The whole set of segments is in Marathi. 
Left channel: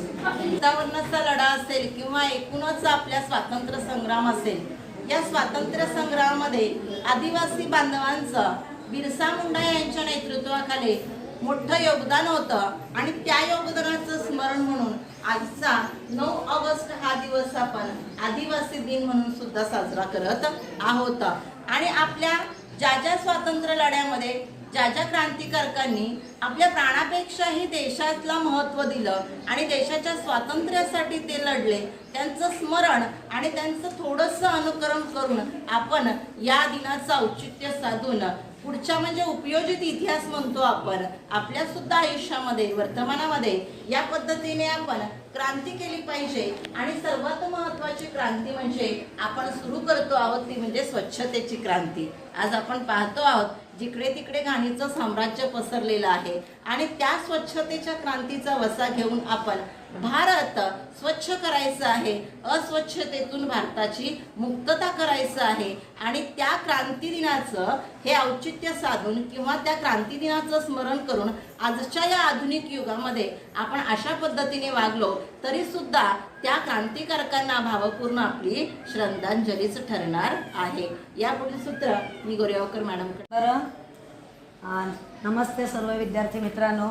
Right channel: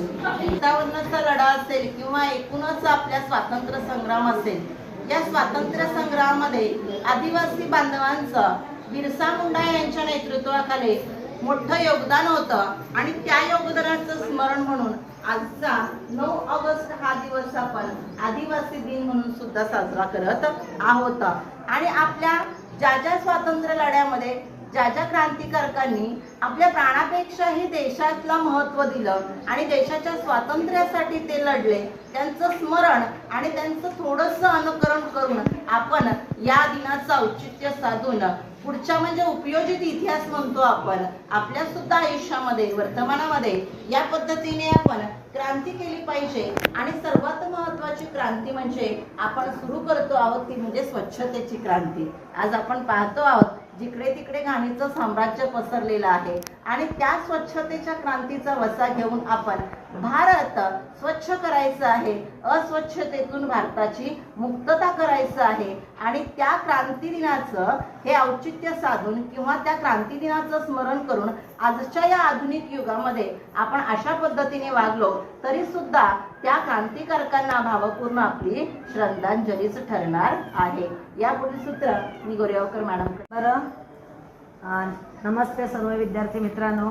सत्तावन्नचा लढा असेल किंवा एकूणच आपल्या स्वातंत्र्य संग्राम असेल या स्वातंत्र्य संग्रामामध्ये आदिवासी बांधवांचं बिरसा मुंडा यांच्या नेतृत्वाखाली मोठं योगदान होतं आणि त्या योगदानाचं स्मरण म्हणून आजचा नऊ ऑगस्ट हा दिवस आपण आदिवासी दिन म्हणून सुद्धा साजरा करत आहोत. आणि आपल्या ज्या ज्या स्वातंत्र्य लढ्यामध्ये ज्या ज्या क्रांतिकारकांनी आपल्या प्राणापेक्षाही देशातला महत्त्व दिलं आणि देशाच्या स्वातंत्र्यासाठी ते लढले त्यांचं स्मरण आणि त्यांचं थोडंसं अनुकरण करून आपण या दिनाचं औचित्य साधून पुढच्या म्हणजे उपयोजित इतिहास म्हणतो आपण आपल्या सुद्धा आयुष्यामध्ये वर्तमानामध्ये या पद्धतीने आपण क्रांती केली पाहिजे. आणि सर्वात महत्वाची क्रांती म्हणजे आपण सुरू करतो आहोत ती म्हणजे स्वच्छतेची क्रांती. आज आपण पाहतो आहोत जिकडे तिकडे घाणीचं साम्राज्य पसरलेलं आहे आणि त्या स्वच्छतेच्या क्रांतीचा वसा घेऊन आपण भारत स्वच्छ करायचं आहे अस्वच्छतेतून भारताची मुक्तता करायचं आहे आणि त्या क्रांती दिनाचं हे औचित्य साधून किंवा त्या क्रांती दिनाचं स्मरण करून आजच्या या आधुनिक युगामध्ये आपण अशा पद्धतीने वागलो तरी सुद्धा त्या क्रांतिकारकांना भावपूर्ण आपली श्रद्धांजलीच ठरणार आहे. यापुढील सूत्र मी गोरेगावकर मॅडम बरं. नमस्ते सर्व विद्यार्थी मित्रांनो.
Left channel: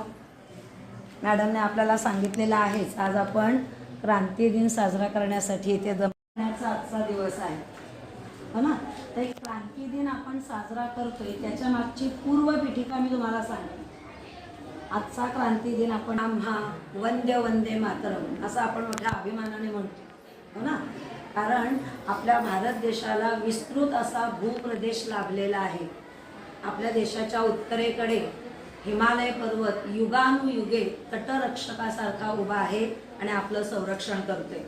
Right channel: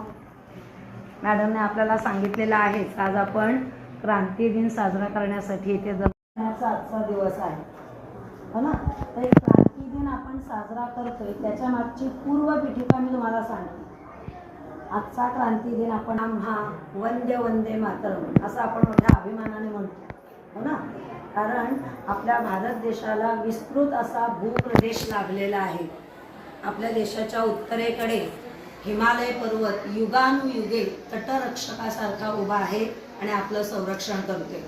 मॅडमने आपल्याला सांगितलेलं आहेच आज आपण क्रांती दिन साजरा करण्यासाठी इथे जमण्याचा आजचा दिवस आहे. हो ना? तर क्रांती दिन आपण साजरा करतोय त्याच्या मागची पूर्व पीठिका मी तुम्हाला सांगते. आजचा क्रांती दिन आपण आम्हा हा वंदे वंदे मातरम असं आपण मोठ्या अभिमानाने म्हणतो. हो ना? कारण आपल्या भारत देशाला विस्तृत असा भूप्रदेश लाभलेला आहे. आपल्या देशाच्या उत्तरेकडे हिमालय पर्वत युगानुयुगे तटरक्षकासारखा उभा आहे आणि आपलं संरक्षण करते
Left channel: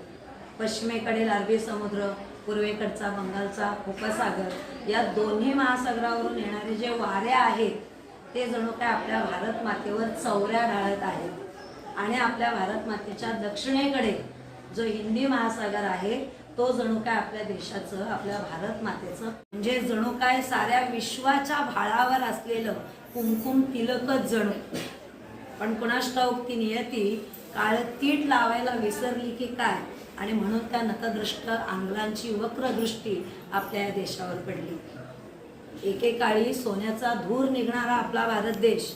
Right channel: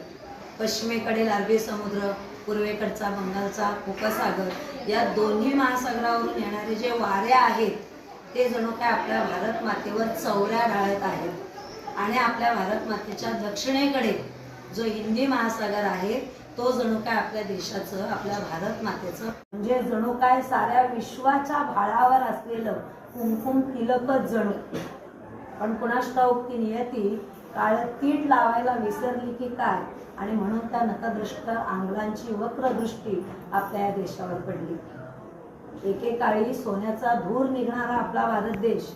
पश्चिमेकडील अरबी समुद्र पूर्वेकडचा बंगालचा उपसागर या दोन्ही महासागरावरून येणारे जे वारे आहेत ते जणू काय आपल्या भारत मातेवर चौऱ्या ढाळत आहेत. आणि आपल्या भारत मातेच्या दक्षिणेकडे जो हिंदी महासागर आहे तो जणू काय आपल्या देशाचं आपल्या भारत मातेचं म्हणजे जणू काय साऱ्या विश्वाच्या भाळावर असलेलं कुमकुम तिलकच जणू. पण कुणास ती नियती काळ तीट लावायला विसरली की काय? आणि म्हणून त्या नतदृष्ट आंग्लांची वक्रदृष्टी आपल्या या देशावर पडली. एकेकाळी सोन्याचा धूर निघणारा आपला भारत देश.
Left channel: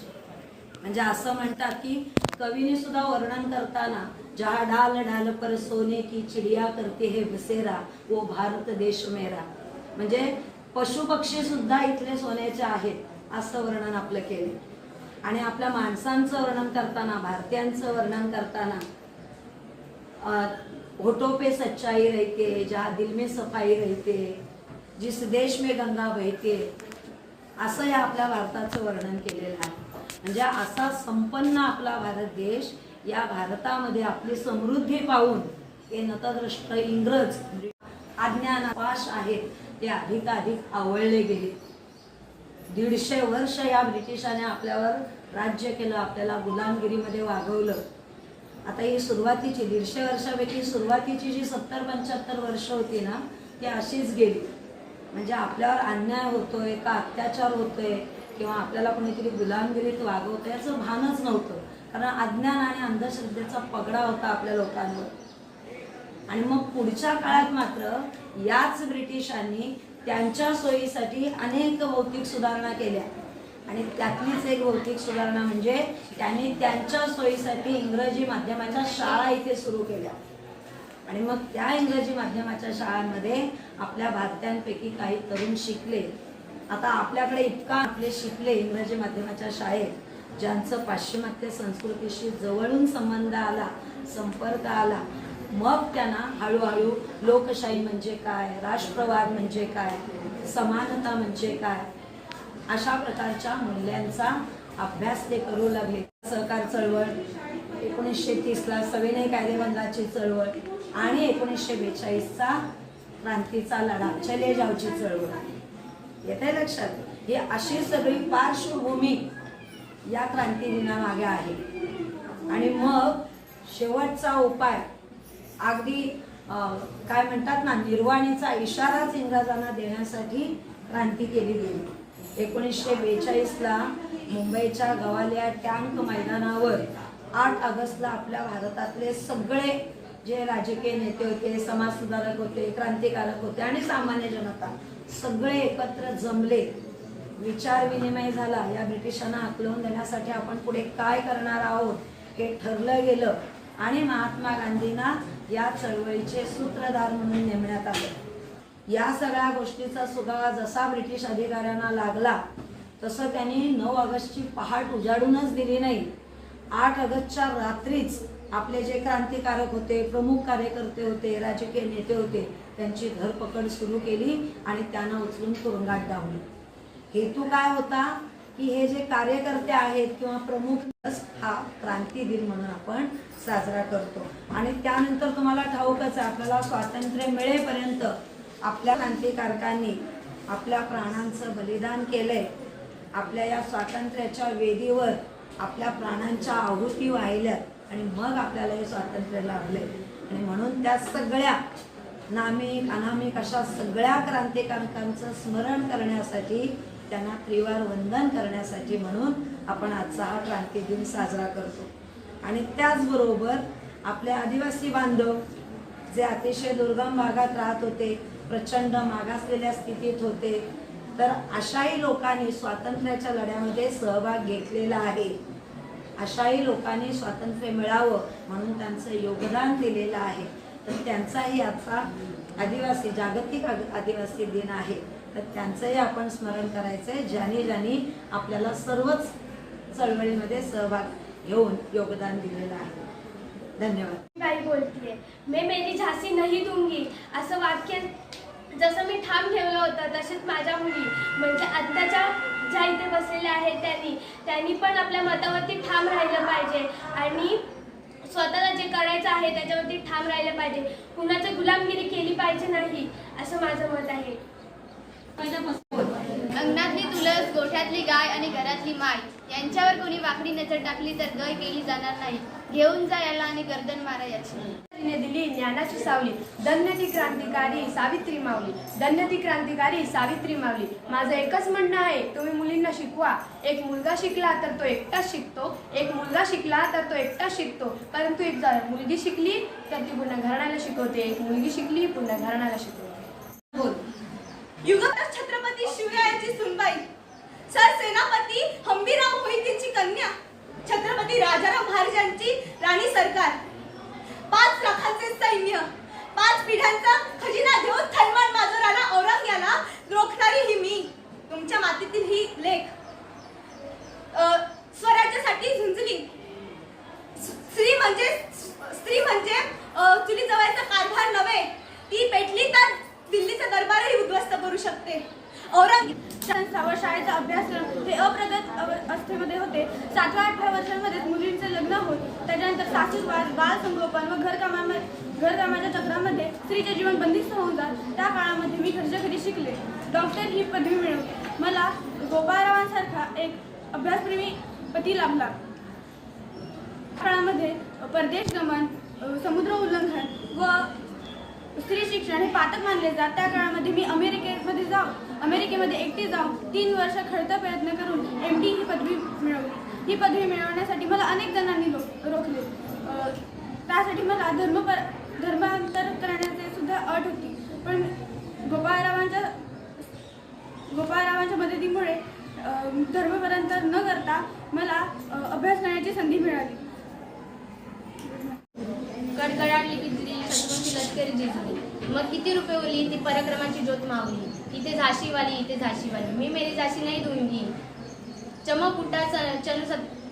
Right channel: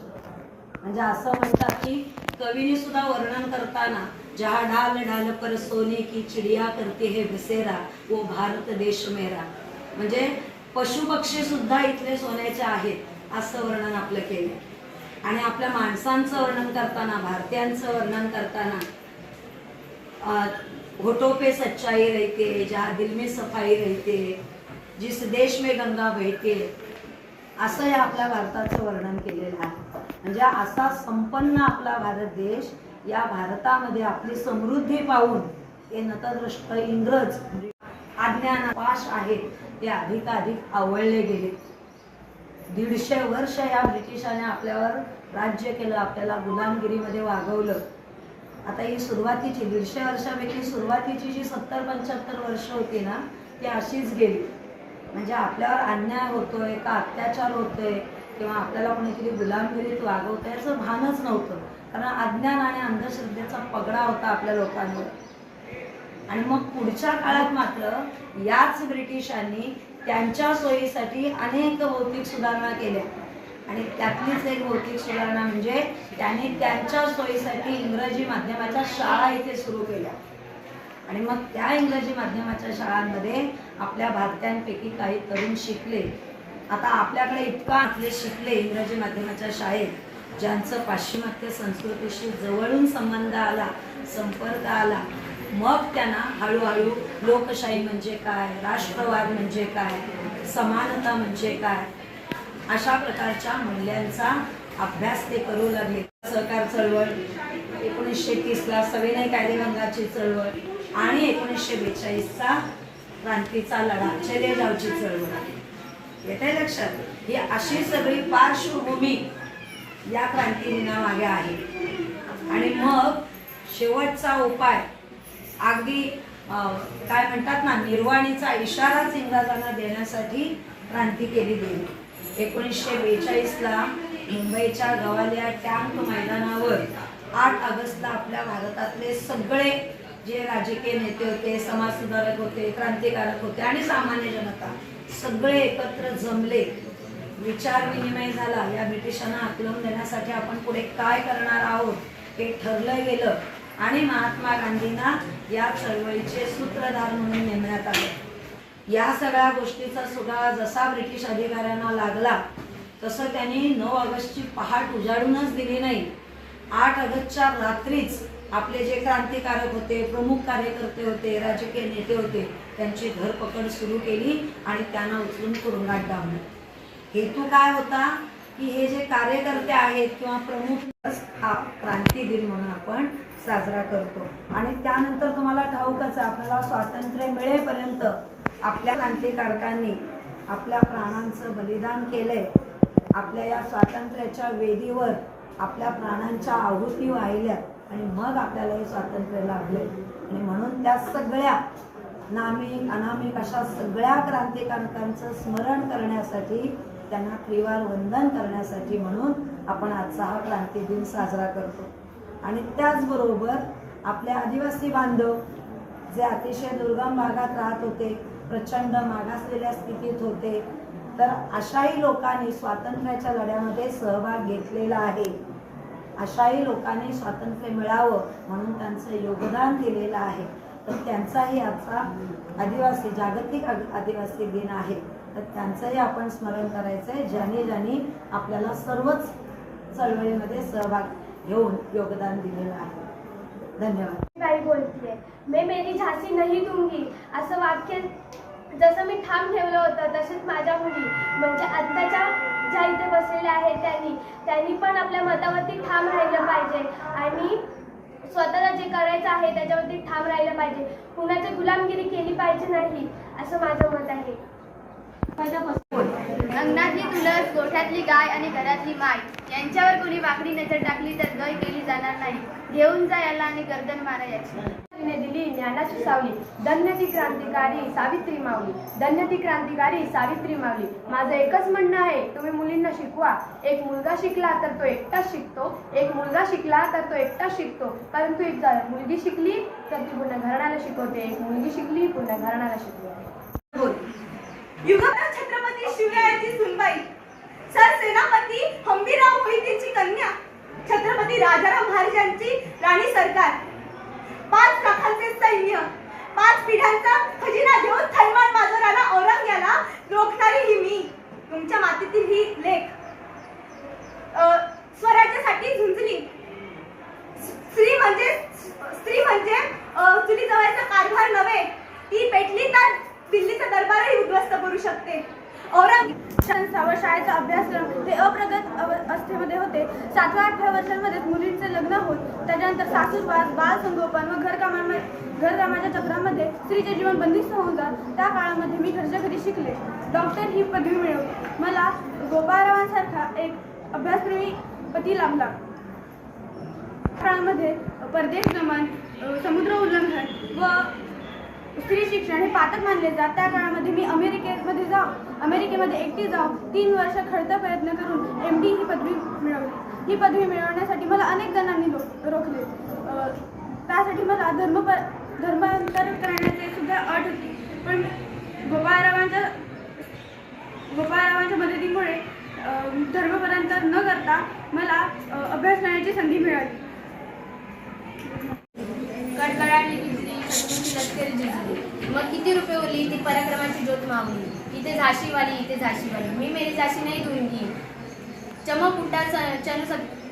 म्हणजे असं म्हणतात की कवीने सुद्धा वर्णन करताना जहा डाल डाल पर सोने की चिडिया करते हे बसेरा वो भारत देश मेरा. म्हणजे पशुपक्षी सुद्धा इथले सोन्याचे आहेत असं वर्णन आपलं केलं. आणि आपल्या माणसांचं वर्णन करताना भारतीयांचं वर्णन करताना अ, पे सच्चाई रहते ज्या दिल में सफाई रहते जिस देश में गंगा बहते असं या आपल्या भारताचं वर्णन केलेलं आहे. म्हणजे असा संपन्न आपला भारत देश या भारतामध्ये आपली समृद्धी पाहून हे नतद्रष्ट इंग्रज अज्ञान पाश आहेत ते अधिकाधिक आवळले गेले. दीडशे वर्ष या ब्रिटिशाने आपल्यावर राज्य केलं आपल्याला गुलामगिरीमध्ये वागवलं. आता ही सुरुवातीची दीडशे वर्षापैकी सुरुवातीची जी सत्तर पंच्याहत्तर वर्ष होती ना ती अशीच गेली. म्हणजे आपल्यावर अन्याय होतोय का अत्याचार होतोय किंवा आपल्याला कोणीतरी गुलामगिरीत वागवतोय याचं भानच नव्हतं. कारण अज्ञान आणि अंधश्रद्धेचा पगडा होता आपल्या लोकांवर. आणि मग पुढच्या काळात मात्र याच ब्रिटिशांनी त्यांच्या सोयीसाठी अनेक भौतिक सुधारणा केल्या. आणि त्यातलीच एक भौतिक सुधारणा म्हणजे त्यांनी त्यांच्या सोयीसाठी इंग्रजी माध्यमाच्या शाळा इथे सुरू केल्या. आणि मग त्या इंग्रजी माध्यमाच्या शाळांमध्ये आपल्या भारतीयांपैकी काही तरुण शिकले. आता आपल्याकडे इतका आपले शिकले इंग्रजी माध्यमाच्या शाळेत ज्यांचं पाश्चिमात्य संस्कृतीशी जवळून संबंध आला संपर्क आला मग त्यांना हळूहळू लोकशाही म्हणजे काय राष्ट्रवाद म्हणजे काय समानता म्हणजे काय अशा प्रकारच्या मूल्यांचा अभ्यास ते करू लागले. सहकार चळवळ एकोणीसशे तीसला सविनय कायदेभंगाची चळवळ आणि एकोणीसशे बेचाळीसचा क्रांतीचा लढा चले जावची चळवळ. येत आहे लक्षात? ही अशी सगळी पार्श्वभूमी या क्रांती दिनामागे आहे. आणि मग शेवटचा उपाय अगदी काय म्हणतात ना निर्वाणीचा इशाराच इंग्रजांना देण्यासाठी क्रांती केली गेली. एकोणीसशे बेचाळीसला मुंबईच्या गवालिया टँक मैदानावर आठ ऑगस्टला आपल्या भारतातले सगळे जे राजकीय नेते होते समाजसुधारक होते क्रांतिकारक होते आणि सामान्य जनता सगळे एकत्र जमले. विचार विनिमय झाला. या ब्रिटिशांना आकलवून देण्यासाठी आपण पुढे काय करणार आहोत हे ठरलं गेलं आणि महात्मा गांधींना या चळवळीचे सूत्रधार म्हणून नेमण्यात आले. या सगळ्या गोष्टीचा सुद्धा जसा ब्रिटिश अधिकाऱ्यांना लागला तसं त्यांनी नऊ ऑगस्टची पहाट उजाडूनच दिली नाही. आठ ऑगस्टच्या रात्रीच आपले जे क्रांतिकारक होते प्रमुख कार्यकर्ते होते राजकीय नेते होते त्यांची धरपकड सुरू केली आणि त्यांना उचलून तुरुंगात डावले हेतू काय होता? की हे जे कार्यकर्ते आहेत किंवा प्रमुख दिवस हा क्रांती दिन म्हणून आपण साजरा करतो. आणि त्यानंतर तुम्हाला ठाऊकच आपल्याला स्वातंत्र्य मिळेपर्यंत आपल्या क्रांतिकारकांनी आपल्या प्राणांचं बलिदान केलंय. आपल्या या स्वातंत्र्याच्या वेदीवर आपल्या प्राणांच्या आहुती वाहिल्या आणि मग आपल्याला हे स्वातंत्र्य लाभले आणि म्हणून त्या सगळ्या नामिक अनामिक अशा सगळ्या क्रांतिकारकांचं स्मरण करण्यासाठी त्यांना त्रिवार वंदन करण्यासाठी म्हणून आपण आजचा हा क्रांती दिन साजरा करतो. आणि त्याचबरोबर आपले आदिवासी बांधव जे अतिशय दुर्गम भागात राहत होते प्रचंड मागासलेल्या स्थितीत होते तर अशाही लोकांनी स्वातंत्र्याच्या लढ्यामध्ये सहभाग घेतलेला आहे. अशाही लोकांनी स्वातंत्र्य मिळावं म्हणून त्यांचं योगदान दिलेलं आहे. तर त्यांचाही आजचा आदिवासी जागतिक आदिवासी दिन आहे. तर त्यांचंही आपण स्मरण करायचं आहे ज्यांनी ज्यांनी आपल्याला सर्वच चळवळीमध्ये सहभाग घेऊन योगदान दिलेलं आहे. धन्यवाद. काही बोलतीये. मे मेरी झासी नाही दूंगी. असं वाक्य जसं मी ठाम ठेवलं होतं तसेच माझ्या मुली. म्हणजे आत्ताच्या ज्या इथे बसलेल्या आहेत त्यांनी. त्यांनी पण आपल्या मतावरती ठाम राहिलं पाहिजे. आणि स्वतःला जे करायचं आहे त्याच्यावरती ठाम राहिलं पाहिजे. कुणाची गुलामगिरी केली पाहिजे नाही असं माझं मत आहे. अंगणातली तुळस गोठ्यातली गाय आणि घरातली माय. यांच्यावर कोणी वाकडी नजर टाकली तर गय केली जाणार नाही. घेऊन जा याला आणि गर्दन मारा याची. तिने दिली ज्ञानाची सावली. धन्य ती क्रांतिकारी सावित्री मावली धन्य ती क्रांतिकारी सावित्री माऊली. माझं एकच म्हणणं आहे तुम्ही मुलींना शिकवा. एक मुलगा शिकला तर तो एकटाच शिकतो. एक मुलगा शिकला तर तो एकटाच शिकतो. परंतु एक मुलगी शिकली तर ती पुन्हा घराण्याला शिकवते. एक मुलगी शिकली पुन्हा घराण्याला शिकवते. छत्रपती शिवरायांची सुनबाई. सरसेनापती हंबीराव मोहितेची कन्या. छत्रपती राजाराम महाराजांची राणी सरकार. पाच लाखांचे सैन्य पाच पिढ्यांचा खजिना देऊन थैमान माजोराला औरंग्याला रोखणारी ही मी. तुमच्या मातीतील ही लेख. स्वराज्यासाठी झुंजली. स्त्री म्हणजे स्त्री म्हणजे अ, चुली जवळचा कारभार नव्हे. ती पेटली तर दिल्लीचा दरबारही उद्ध्वस्त करू शकते. औरंग शाळेचा शाळेचा अभ्यासक्रम हे अप्रगत अव- अवस्थेमध्ये होते. सातव्या आठव्या वर्षांमध्ये मुलींचे लग्न होत त्याच्यानंतर सासूरवास बाल संगोपन व घरकामामध्ये घरकामाच्या चक्रामध्ये स्त्रीचे जीवन बंदिस्त होऊन जात. त्या काळामध्ये मी घरच्या घरी शिकले. डॉक्टर ही पदवी मिळवली. मला गोपाळरावांसारखा एक अभ्यासप्रेमी पती लाभला. काळामध्ये परदेश गमन समुद्र उल्लंघन व स्त्री शिक्षण हे पातक मानले जात. त्या काळामध्ये मी अमेरिकेमध्ये जाऊ अमेरिकेमध्ये एकटी जाऊन तीन वर्ष खडतर प्रयत्न करून एम डी ही पदवी मिळवली. ही पदवी मिळवण्यासाठी मला अनेक जणांनी रो रोखले. त्यासाठी मला धर्मपर धर्मांतर करण्याची सुद्धा अट होती. पण गोपाळरावांच्या गोपाळरावांच्या मदतीमुळे धर्मपरांतर न करता मला अभ्यास करण्याची संधी मिळाली. कडकडाट लष्करी जिजली मग किती रुपये उरली? ती पराक्रमाची ज्योत मावली इथे झाशीवाली इथे झाशीवाली. मी मेरी झाशी नाही दूंगी चमक उठा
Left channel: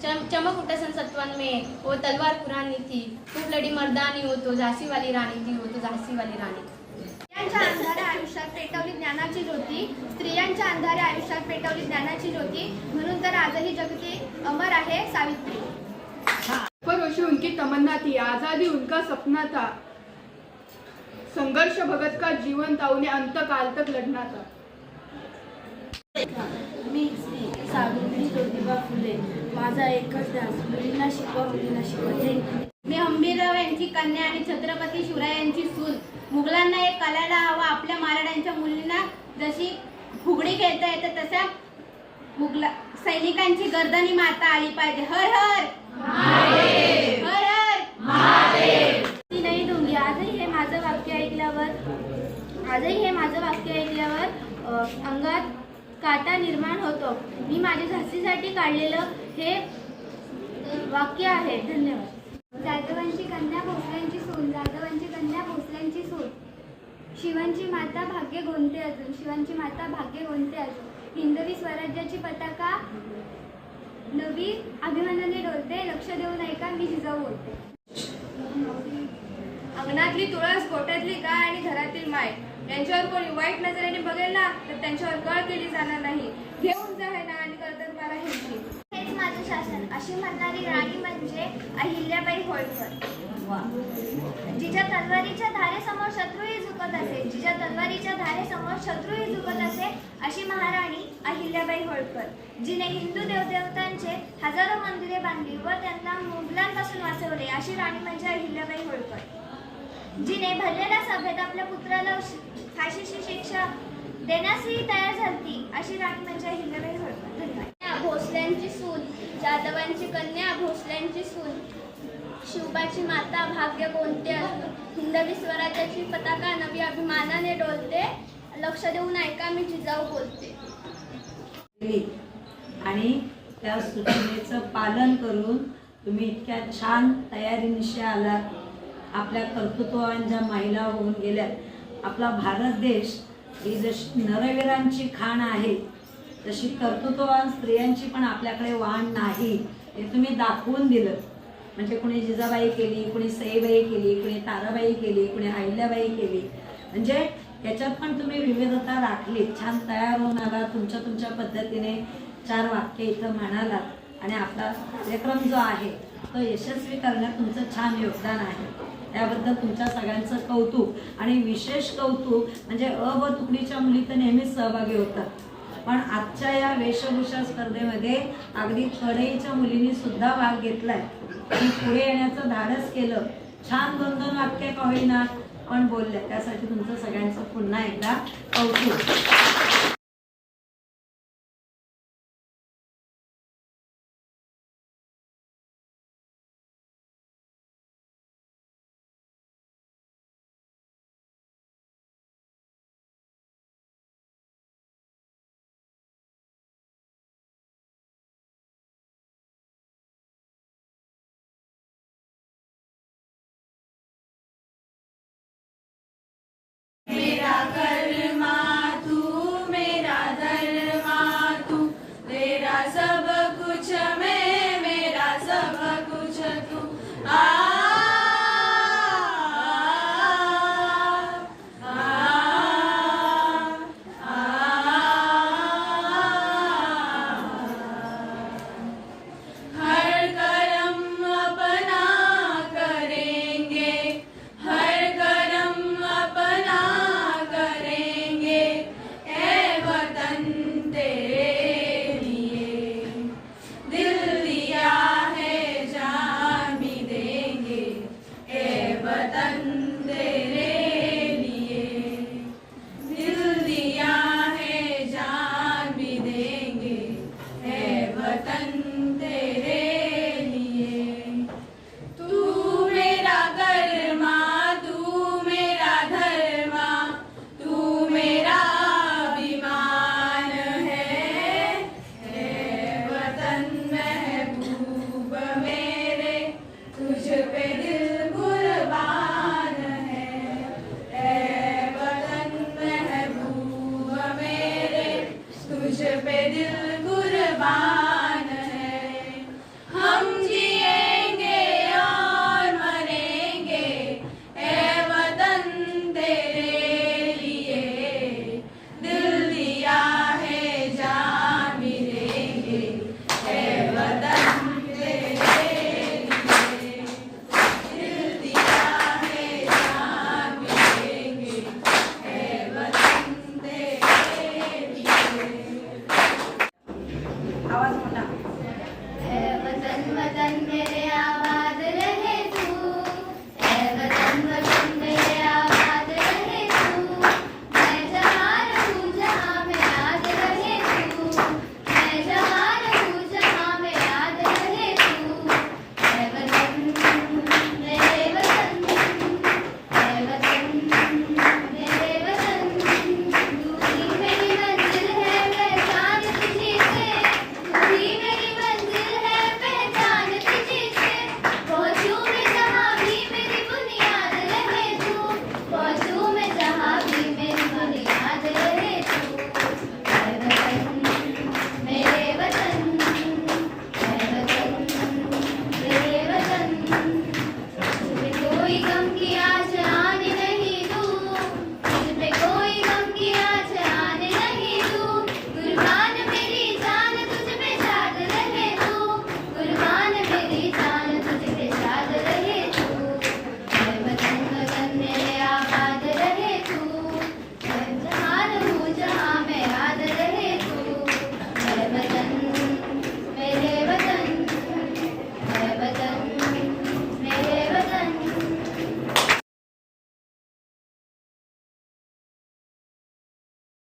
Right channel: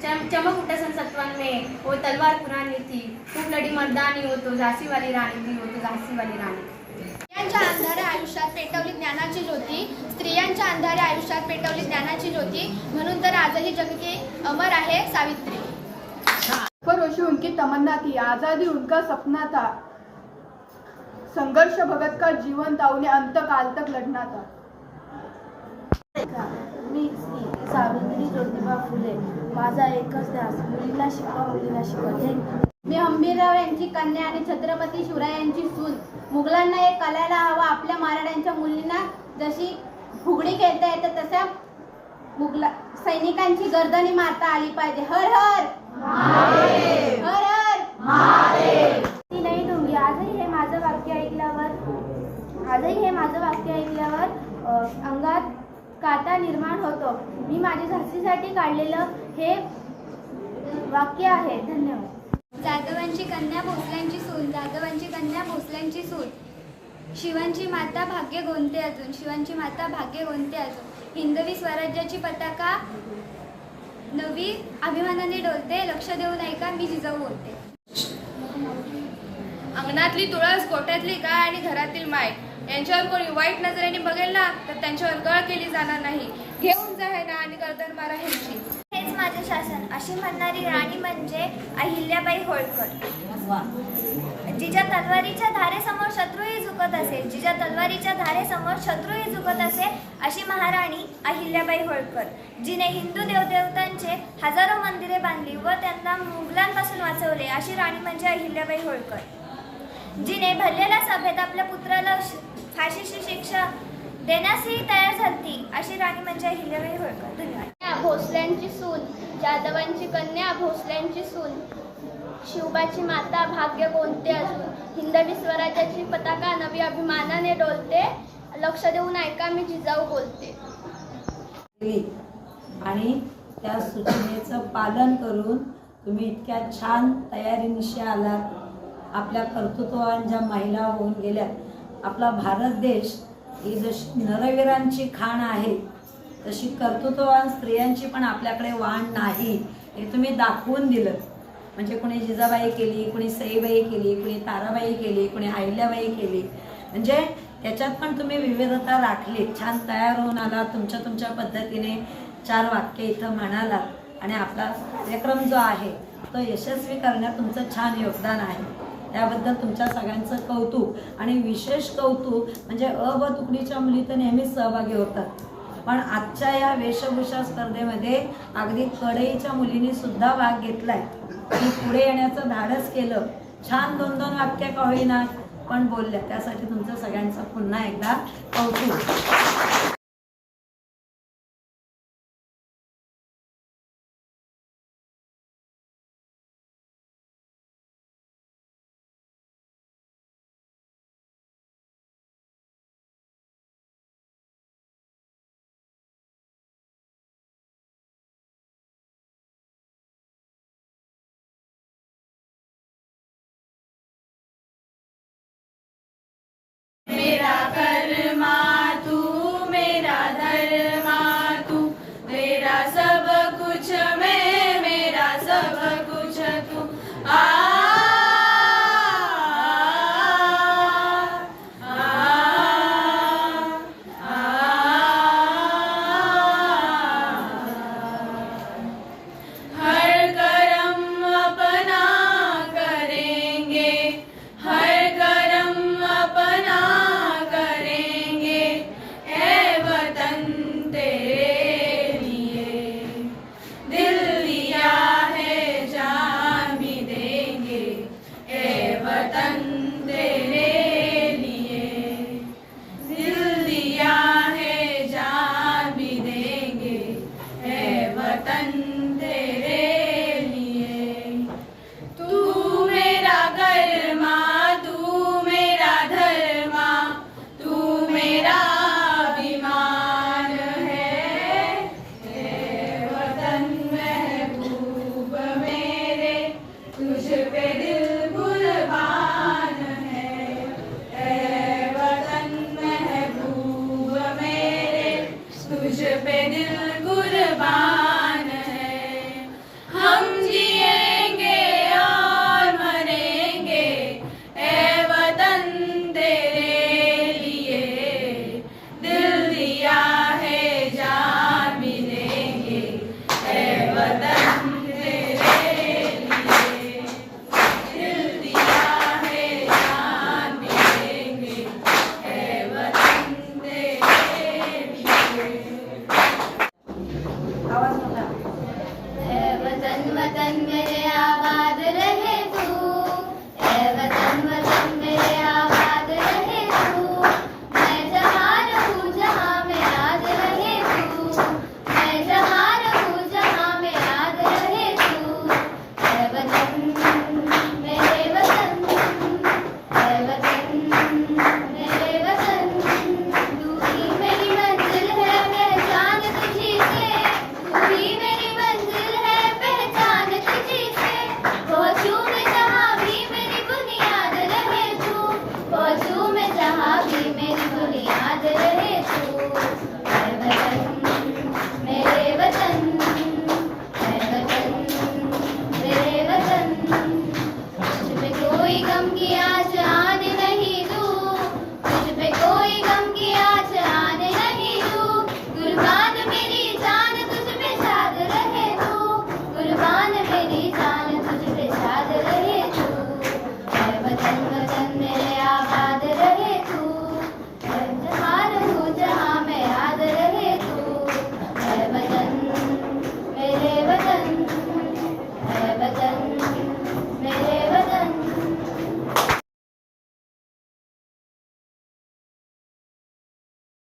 चम- चमक उठा सन सत्वन में वो तलवार पुरानी थी. खूप लढी मर्दानी होतो झाशीवाली राणी थी होतो झाशीवाली राणी स्त्रियांच्या अंधाऱ्या आयुष्यात पेटवली ज्ञानाची ज्योती. स्त्रियांच्या अंधाऱ्या आयुष्यात पेटवली ज्ञानाची ज्योती. म्हणून तर आजही जगती अमर आहे सावित्री. फरोशी उनकी तमन्ना थी. आज़ादी उनका सपना था. संघर्ष भगत का जीवन उन्हें अंत काल तक लड़ना था मी श्री सावित्री ज्योतिबा फुले. माझा एकच ध्यास मुलींना शिकवा मुलींना शिकवा. थँक्यू मी हंबीरराव यांची कन्या आणि छत्रपती शिवरायांची सून. मुघलांना एक कलायला हवा. आपल्या मराठ्यांच्या मुलींना जशी फुगडी खेळता येते तशा मुगला सैनिकांची गर्दनी मारता आली पाहिजे. हर हर! हर हर! आजही हे माझं वाक्य ऐकल्यावर आजही हे माझं वाक्य ऐकल्यावर अंगात काटा निर्माण होतो. मी माझ्या झाशीसाठी काढलेलं हे वाक्य आहे. धन्यवाद. जाधवांची कन्या भोसल्यांची सून जाधवांची कन्या भोसल्यांची सून. शिवांची माता भाग्य गोंते अजून शिवांची माता भाग्य गोंते अजून. हिंदवी स्वराज्याची पताका नवी अभिमानाने डोलते लक्ष देऊ नये का मी जिजाऊ बोलते. अंगणातली तुळस गोठ्यातली गाय आणि घरातील माय. यांच्यावर कोणी वाईट नजरेने बघेल ना तर त्यांच्यावर गळ केली जाणार नाही. घेऊन जा हे ना आणि गर्दन मारा ह्यांची. हेच माझे शासन. अशी म्हणणारी राणी म्हणजे अहिल्याबाई होळकर. वा जिच्या तलवारीच्या धारेसमोर शत्रूही झुकत असे जिच्या तलवारीच्या धारेसमोर शत्रूही झुकत असे अशी महाराणी अहिल्याबाई होळकर जिने हिंदू देवदेवतांचे हजारो मंदिरे बांधली व त्यांना मुघलांपासून वाचवले अशी राणी म्हणजे अहिल्याबाई होळकर. जिने भरलेल्या सभेत आपल्या पुत्राला फाशीची शिक्षा देण्यासही तयार झाली अशी राणी म्हणजे अहिल्याबाई होळकर. धन्यवाद. भोसल्यांची सून जाधवांची कन्या भोसल्यांची सून शिवबाची माता भाग्य कोणते अजून हिंदवी स्वराज्याची पताका नवी अभिमानाने डोलते लक्ष देऊन ऐका मी जिजाऊ बोलते. आणि त्या सूचनेचं पालन करून तुम्ही इतक्या छान तयारीनिशी आलात. आपल्या कर्तृत्ववान ज्या महिला होऊन गेल्या. आपला भारत देश ही जशी नरवीरांची खाण आहे तशी कर्तृत्ववान स्त्रियांची पण आपल्याकडे वाण नाही हे तुम्ही दाखवून दिलं. म्हणजे कुणी जिजाबाई केली कुणी सईबाई केली कुणी ताराबाई केली कुणी अहिल्याबाई केली. म्हणजे त्याच्यात पण तुम्ही विविधता राखली. छान तयार होऊन आला तुमच्या तुमच्या पद्धतीने चार वाक्य इथं म्हणालात. आणि आपला कार्यक्रम जो आहे तो यशस्वी करण्यात तुमचं छान योगदान आहे. त्याबद्दल तुमच्या सगळ्यांचं कौतुक आणि विशेष कौतुक म्हणजे अ व तुकडीच्या मुली तर नेहमीच सहभागी होतात पण आजच्या या वेशभूषा स्पर्धेमध्ये अगदी कढईच्या मुलींनी सुद्धा भाग घेतलाय. आणि पुढे येण्याचं धाडस केलं. छान दोन दोन वाक्य का होईना पण बोलल्या. त्यासाठी तुमचं सगळ्यांचं पुन्हा एकदा कौतुक. वतन